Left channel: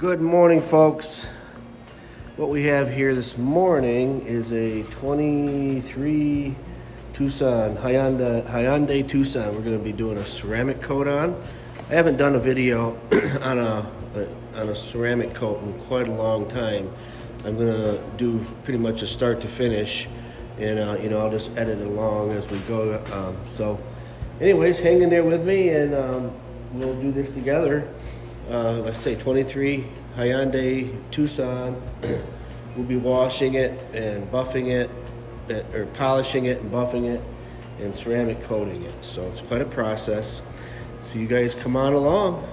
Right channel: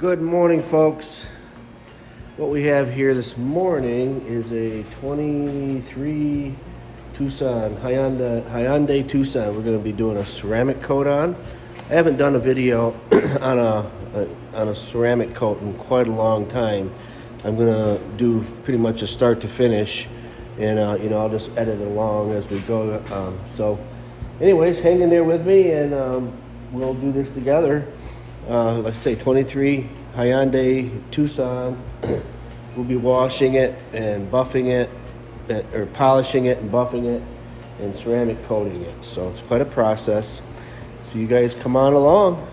Good morning, folks. What we have here this morning is a 23 Tucson, Hyundai Tucson. We're going to be doing a ceramic coat on. I haven't done a video on a ceramic coat in quite a long time. I'm going to do pretty much a start to finish, and I'll just edit it along as we go. So anyways, hang in there with me, and we'll do this together. Let's say 23 Hyundai Tucson. We'll be washing it and buffing it, or polishing it and buffing it, and ceramic coating it. So it's quite a process. So you guys come on along.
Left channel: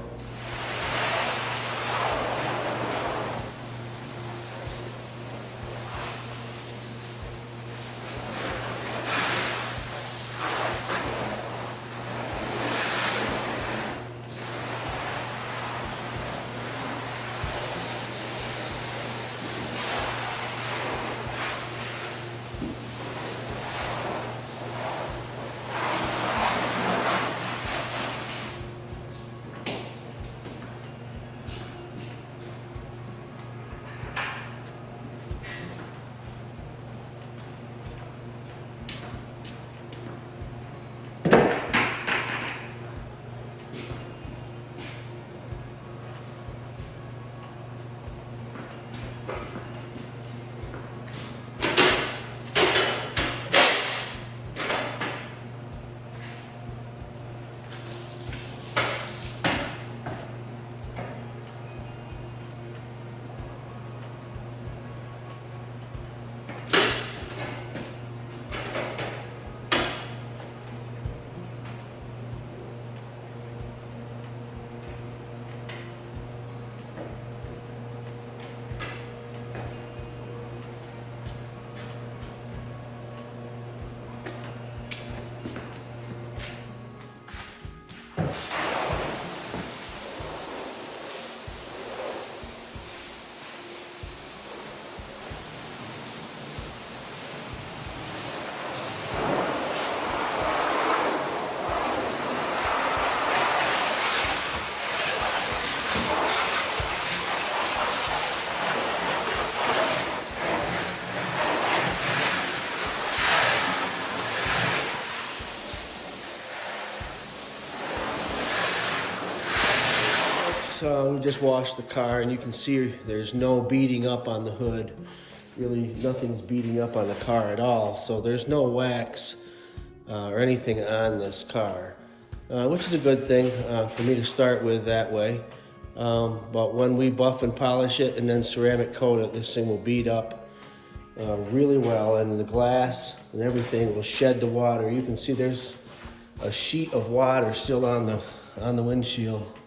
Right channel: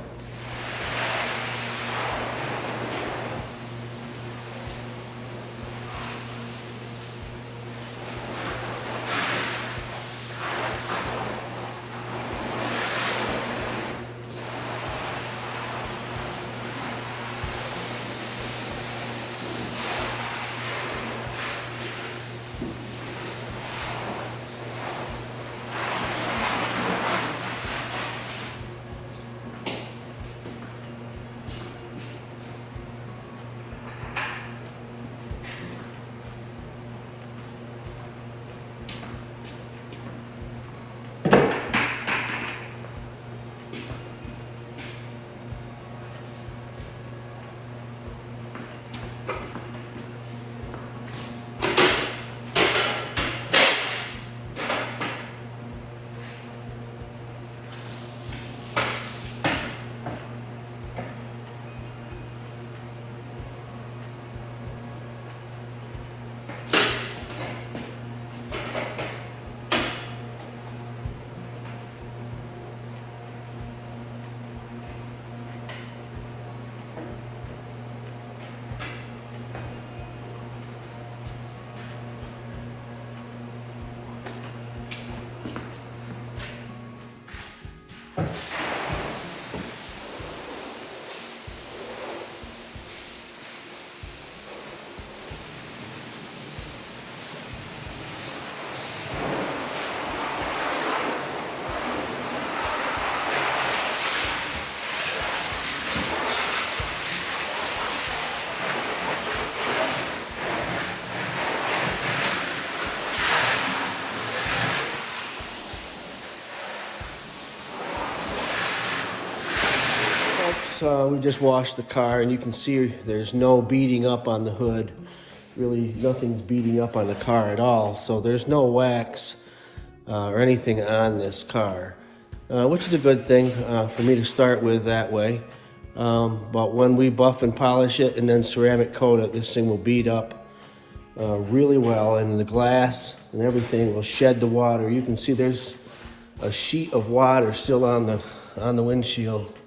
We just washed the car, and you can see there's no beating up on the hood. Really, nothing's beating up on the car at all. So there's no wax or anything on this car, which is a good thing for me to start with that way. But when we buff and polish it and then ceramic coat it, this thing will beat up really well, and the glass and everything will shed the water. You can see there's a sheet of water still on the windshield.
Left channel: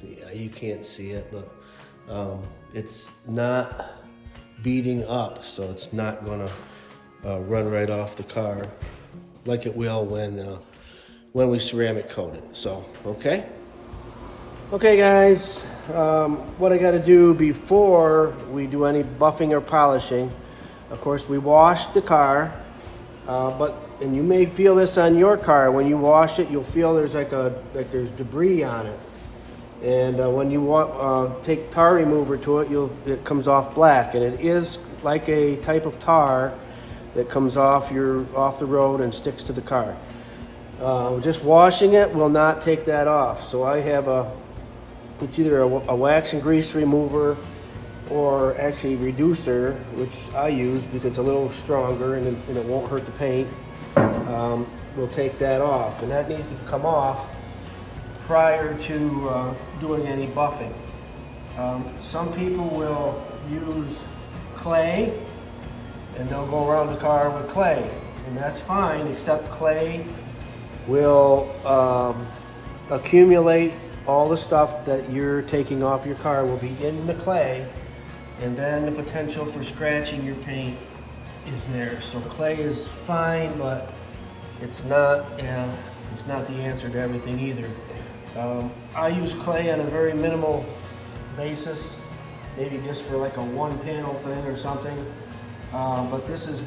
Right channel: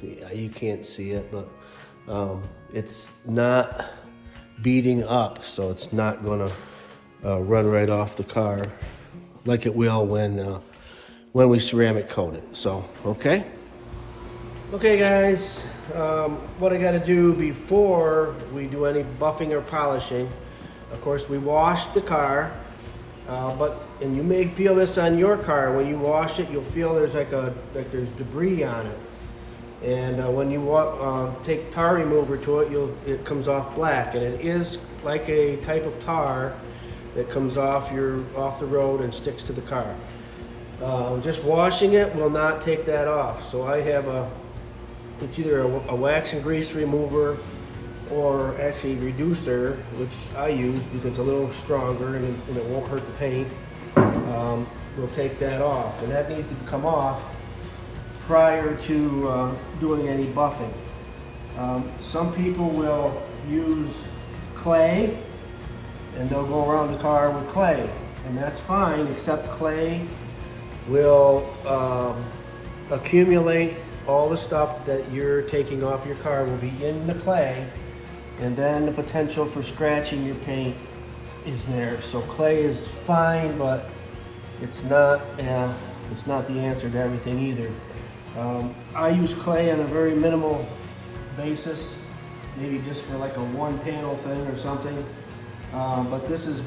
Yeah, you can't see it, but it's not beating up, so it's not gonna run right off the car like it will when we ceramic coat it. So okay guys, what I got to do before we do any buffing or polishing, of course we washed the car, and you may feel this on your car. When you wash it, you'll feel there's there's debris on it. And when you take tar remover to it, it comes off black, and it is like a type of tar that comes off the road and sticks to the car. Just washing it will not take that off. So I have it's either a wax and grease remover or actually reducer, which I use because it's a little stronger and it won't hurt the paint. We'll take that off, and that needs to come off prior to doing any buffing. Some people will use clay, and they'll go around the car with clay, and that's fine, except clay will accumulate. All the stuff that you're taking off your car will be in the clay, and then the potential for scratching your paint is there. So clay is fine, but it's not the answer to everything either. I use clay on a very minimal basis, maybe just for like a one panel thing or something. But this is,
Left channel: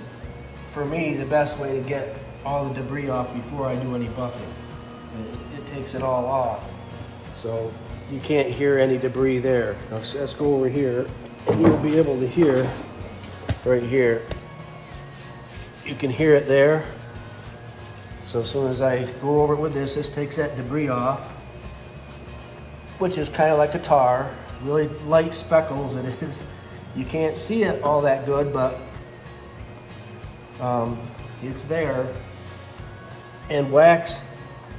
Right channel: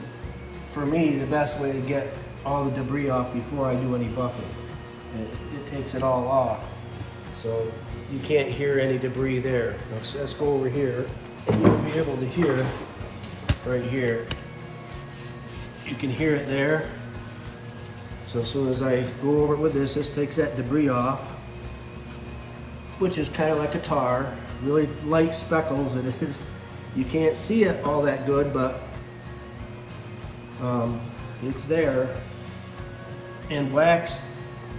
for me, the best way to get all the debris off before I do any buffing. It takes it all off. So you can't hear any debris there. Now, so let's go over here, and you'll be able to hear right here. You can hear it there. So as soon as I go over it with this takes that debris off, which is kind of like a tar. Really light speckles it is. You can't see it all that good, but it's there. And wax,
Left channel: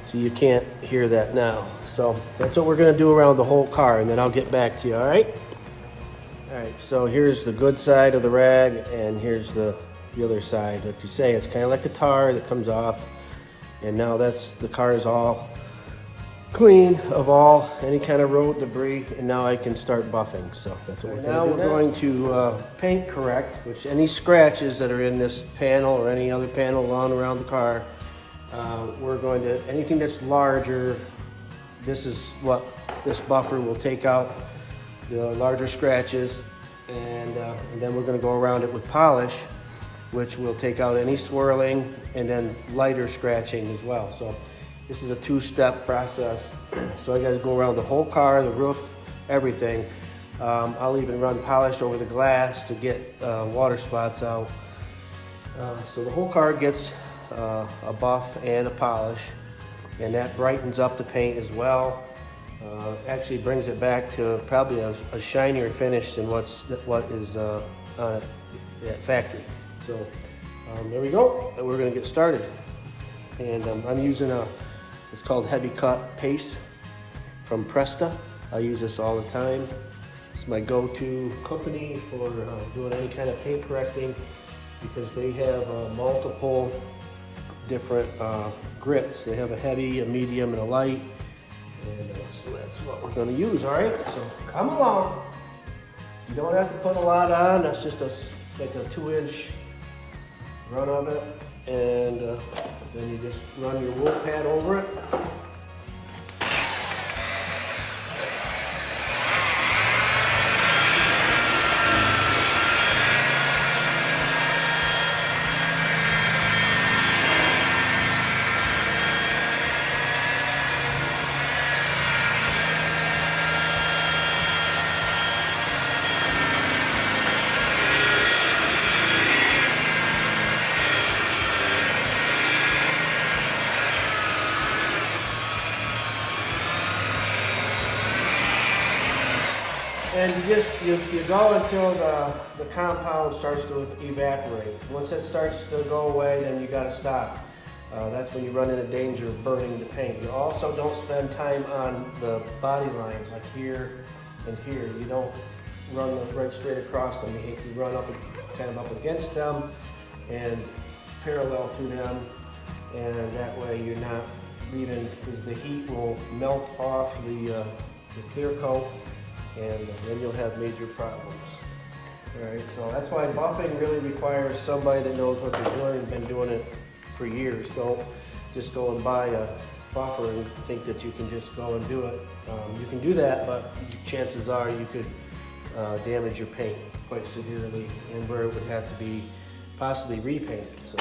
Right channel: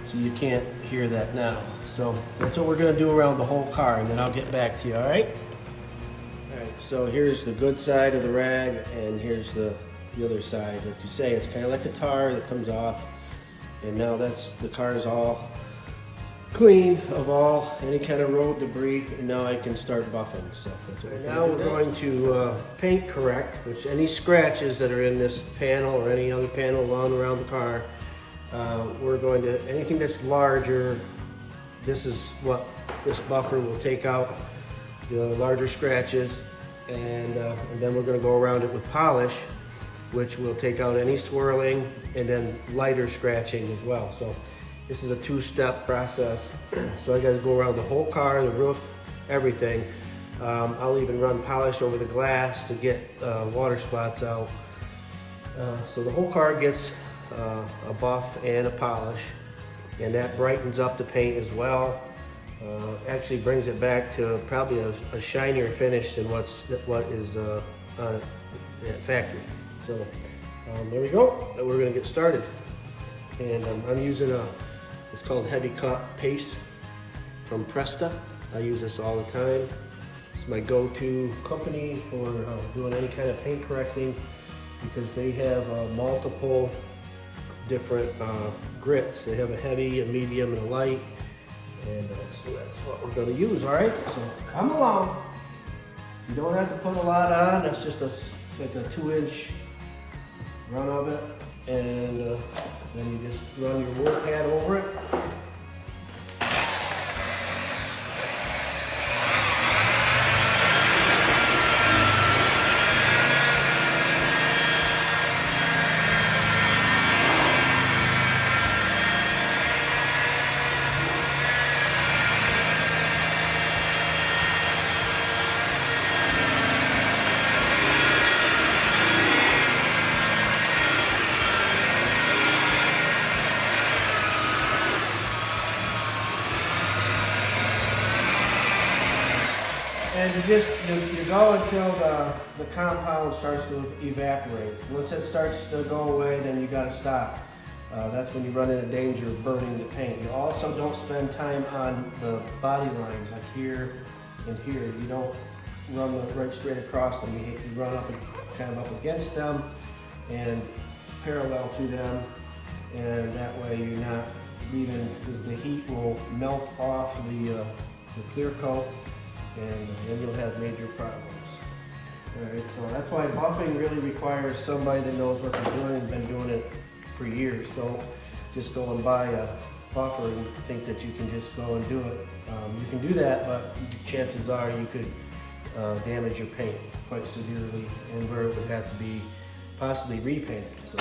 so you can't hear that now. So that's what we're gonna do around the whole car, and then I'll get back to you, all right? All right, so here's the good side of the rag, and here's the other side. Like you say, it's kind of like a tar that comes off, and now the car is all clean of any kind of road debris, and now I can start buffing. So that's what we're going to paint correct, which any scratches that are in this panel or any other panel around the car, we're going to, anything that's larger, this is what this buffer will take out, the larger scratches, and then we're going to go around it with polish, which will take out any swirling and then lighter scratching as well. So this is a two-step process. So I got to go around the whole car, the roof, everything. I'll even run polish over the glass to get water spots out. So the whole car gets a buff and a polish, and that brightens up the paint as well. Actually brings it back to probably a shinier finish than what is on it at factory. So there we go. We're going to get started. And I'm using it's called Heavy Cut Paste from Presta. I use this all the time. It's my go-to company for doing any kind of paint correcting, because they have multiple different grits. They have a heavy, a medium, and a light. And so that's what we're going to use, all right? So come along. You don't have to put a lot on. That's just like a 2-inch run of it. And then you just run your wool pad over it. And you go until the compound starts to evaporate. Once it starts to go away, then you got to stop. That's when you run into danger of burning the paint. You also don't spend time on the body lines, like here and here. You don't run right straight across them. You run up and kind of up against them and parallel to them, and that way you're not leaving, because the heat will melt off the clear coat, and then you'll have major problems. All right, so that's why buffing really requires somebody that knows what they're doing and been doing it for years. Don't just go and buy a buffer and think that you can just go and do it. You can do that, but chances are you could damage your paint quite severely, and where it would have to be possibly repainted. So.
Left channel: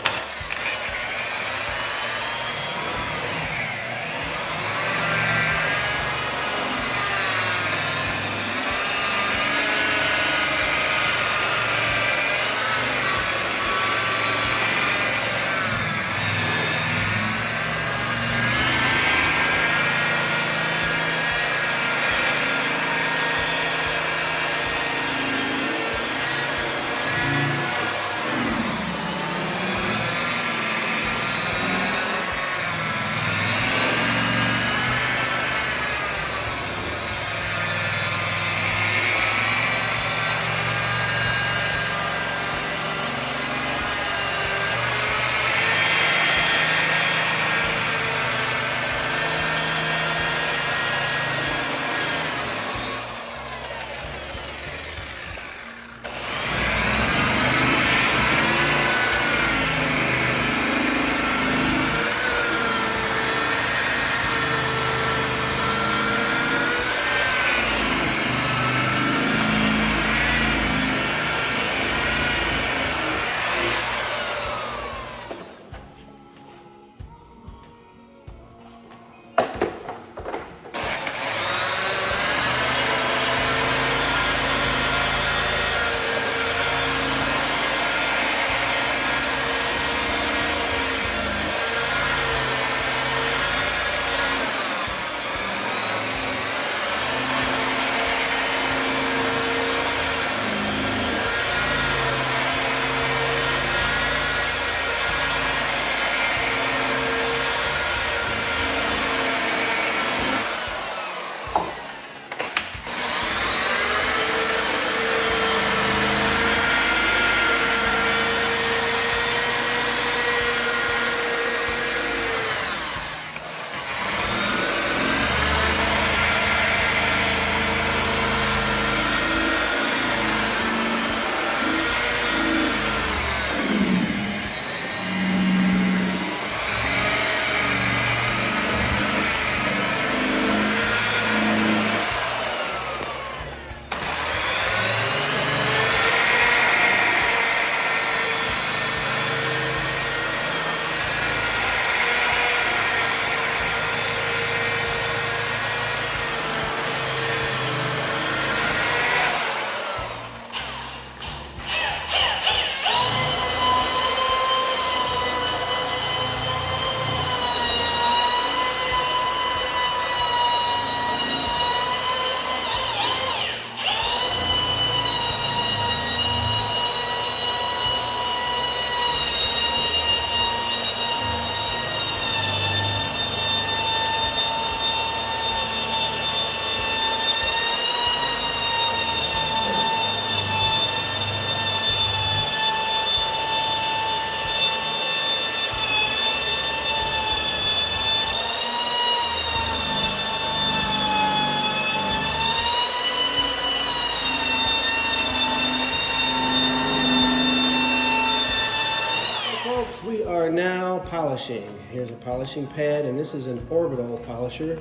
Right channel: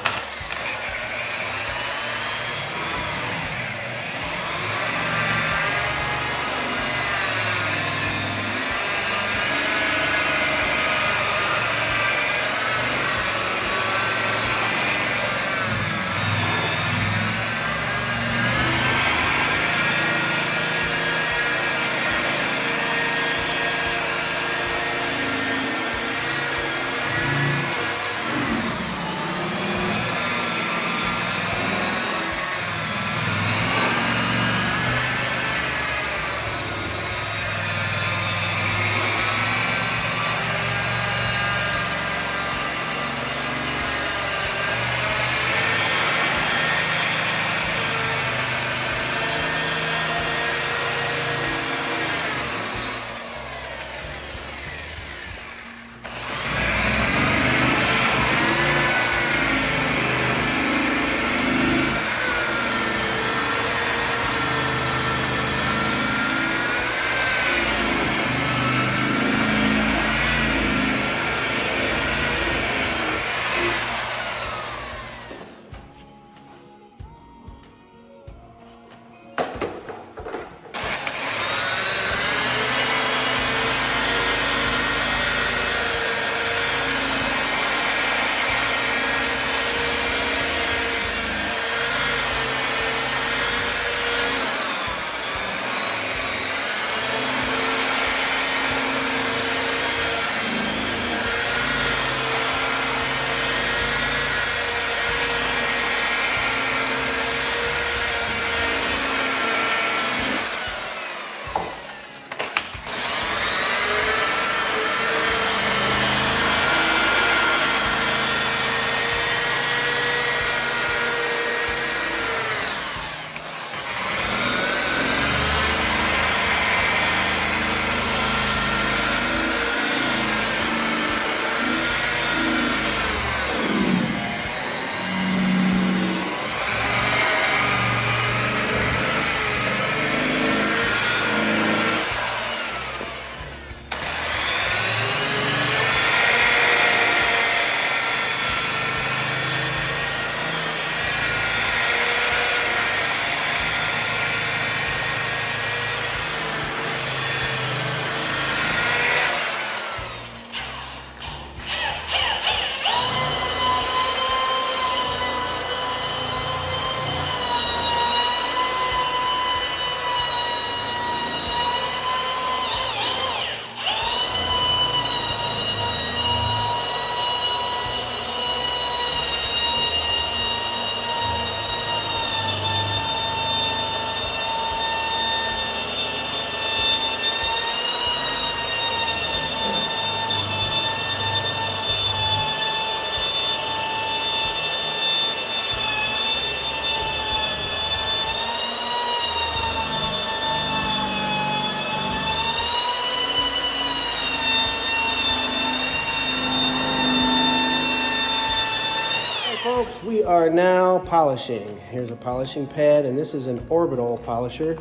we are now polishing. Here's a polishing pad, and this is an orbital polisher,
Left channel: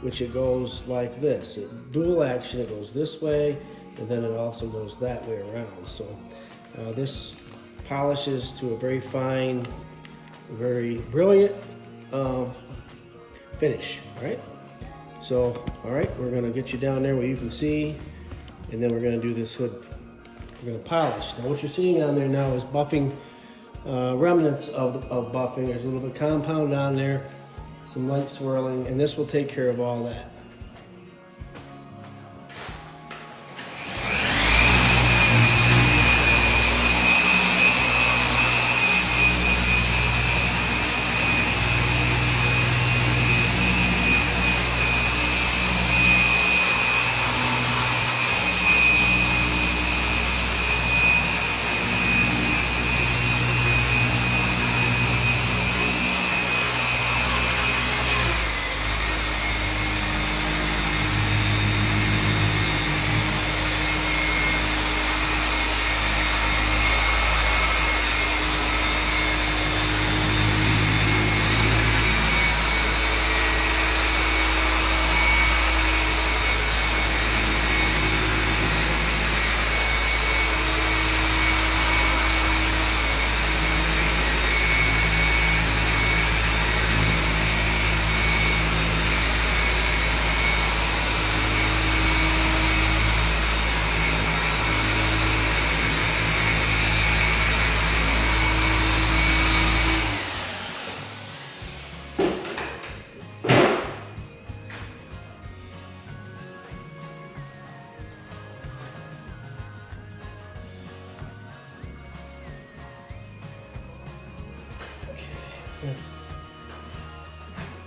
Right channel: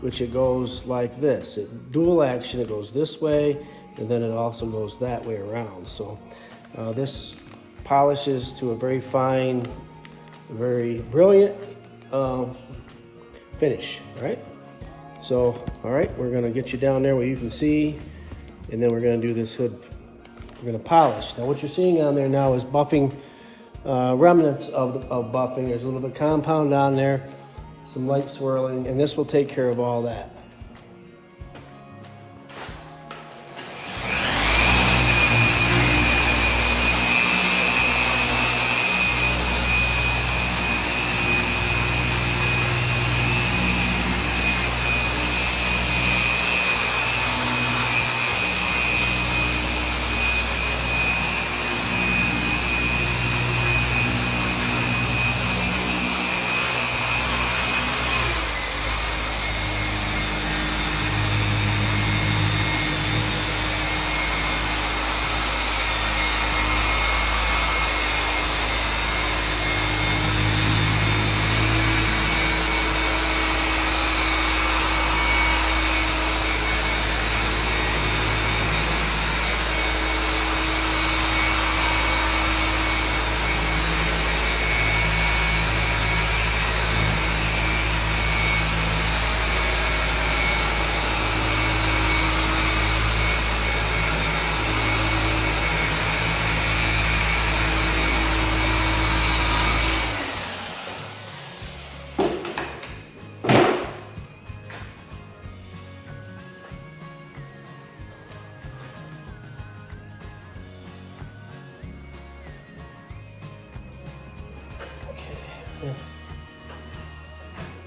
which it goes like this. It dual action, it goes this way, and then it also goes that way around. So this polishes to a very fine, very brilliant finish, all right? So, all right, we're gonna get you down there where you can see, and then we're gonna do this hood. We're gonna polish. Now what you're seeing down there now is buffing, remnants of buffing. There's a little bit of compound on there, some light swirling, and this will take care of all that.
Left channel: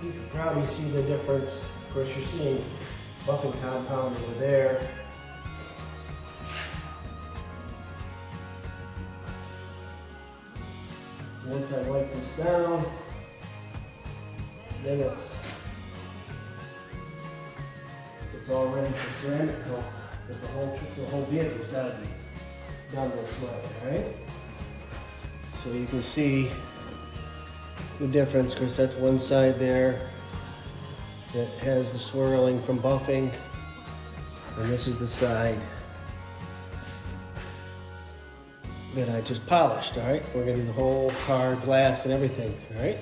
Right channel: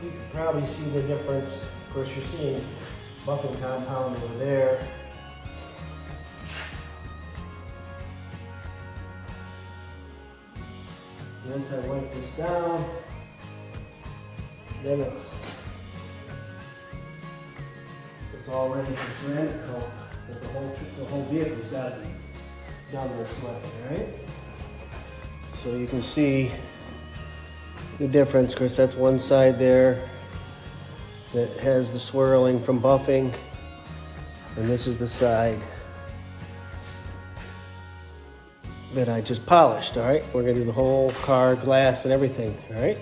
You can probably see the difference. Of course, you're seeing buffing compound over there. Once I wipe this down, then it's all ready for ceramic coat. But the whole vehicle's got to be done this way, all right? So you can see the difference, because that's one side there that has the swirling from buffing, and this is the side that I just polished, all right? We're gonna do the whole car, glass and everything, all right?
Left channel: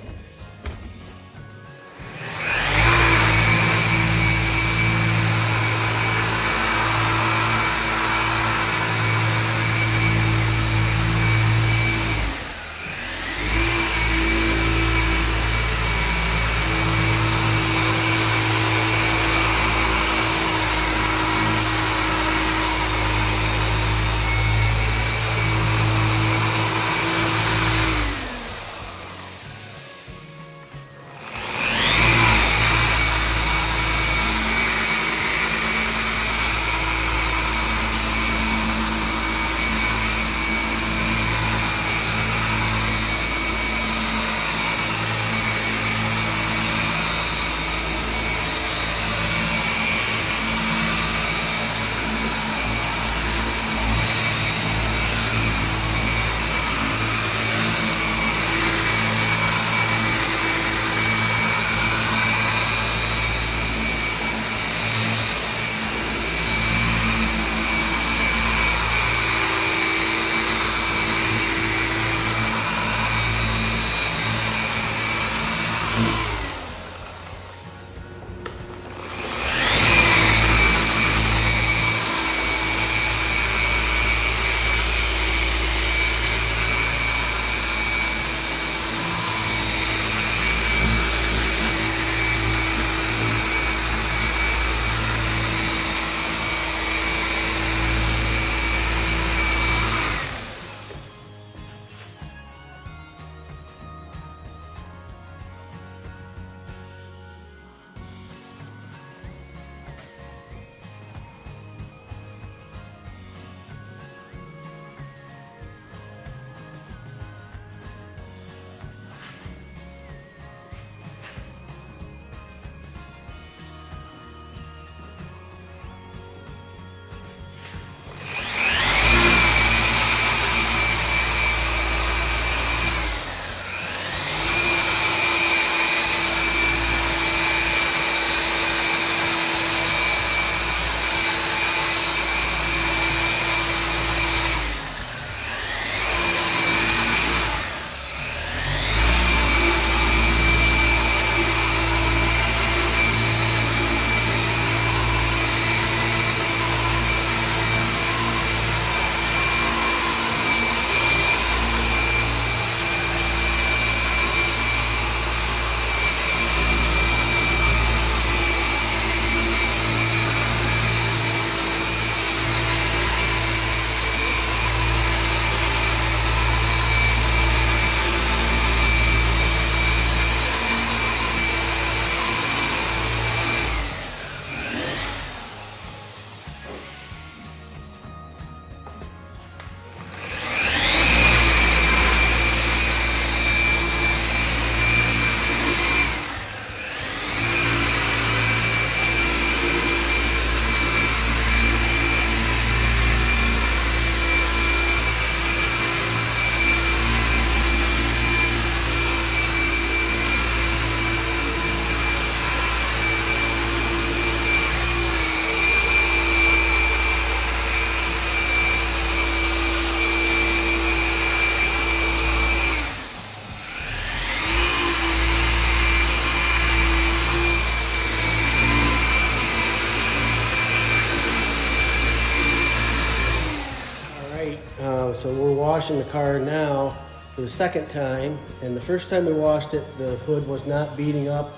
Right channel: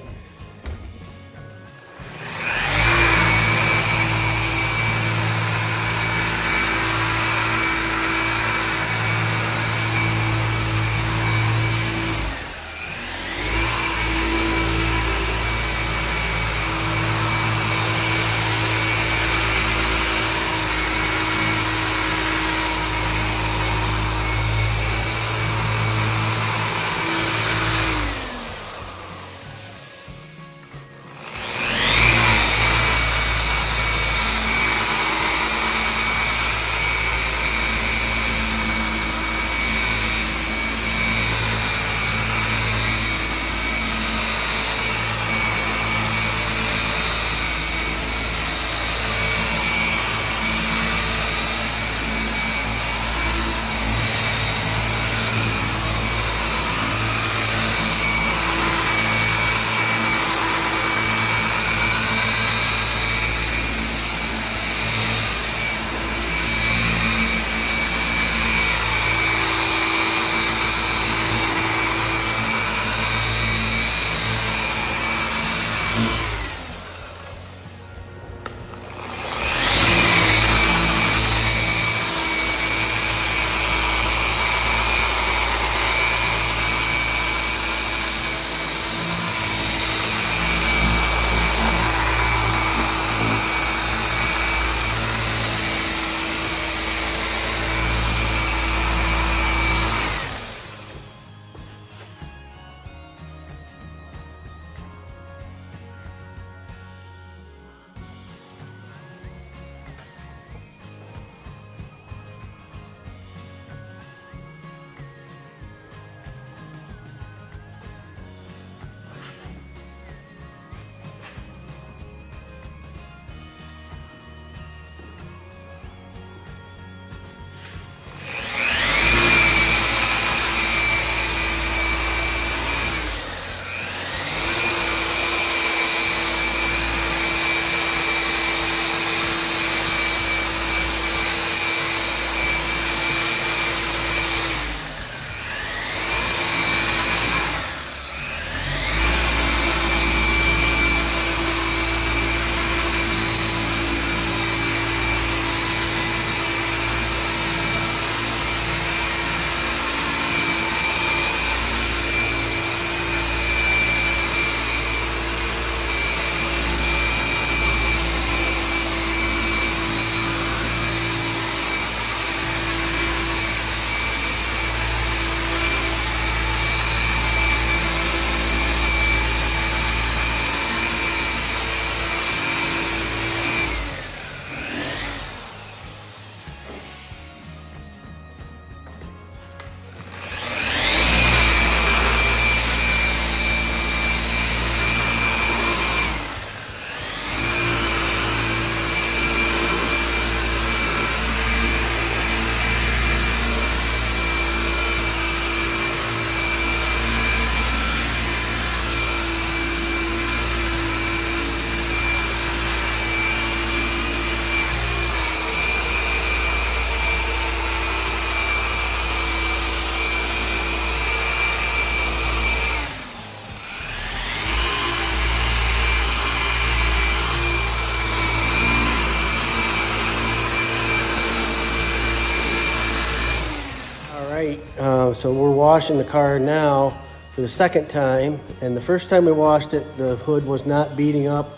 So we're washing the car now for the second time, and the first time we washed it, the hood was not beating up.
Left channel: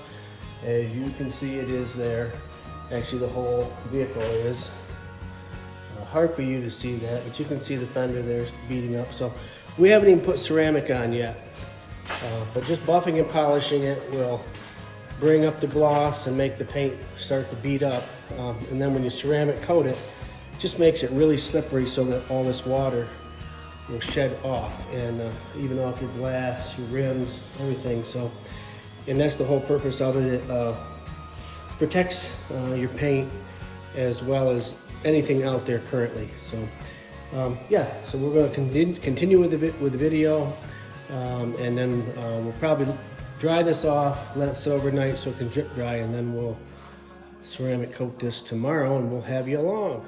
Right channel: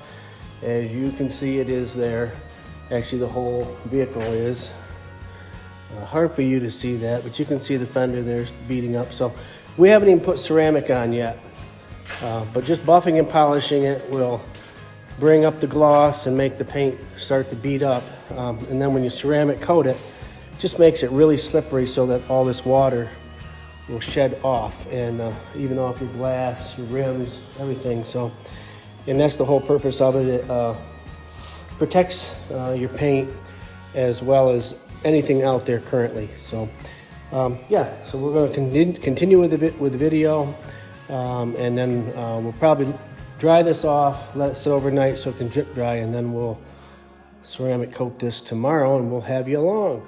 As you can see, it is there. Actually, the whole vehicle is. Hard for you to see that, but you can see the fender there's beating up. So we haven't even put ceramic on yet, but just buffing and polishing it will bring up the gloss and make the paint start to beat up. And then when you ceramic coat it, just makes it really slippery so that all this water will shed off, and even off your glass, your rims, everything. So, and that's the whole purpose of it. It protects your paint as well as anything out there currently. So yeah, so we're going to continue with the video, and then we'll probably dry this off, let it sit overnight so it can drip dry, and then we'll ceramic coat this tomorrow and we'll have you along.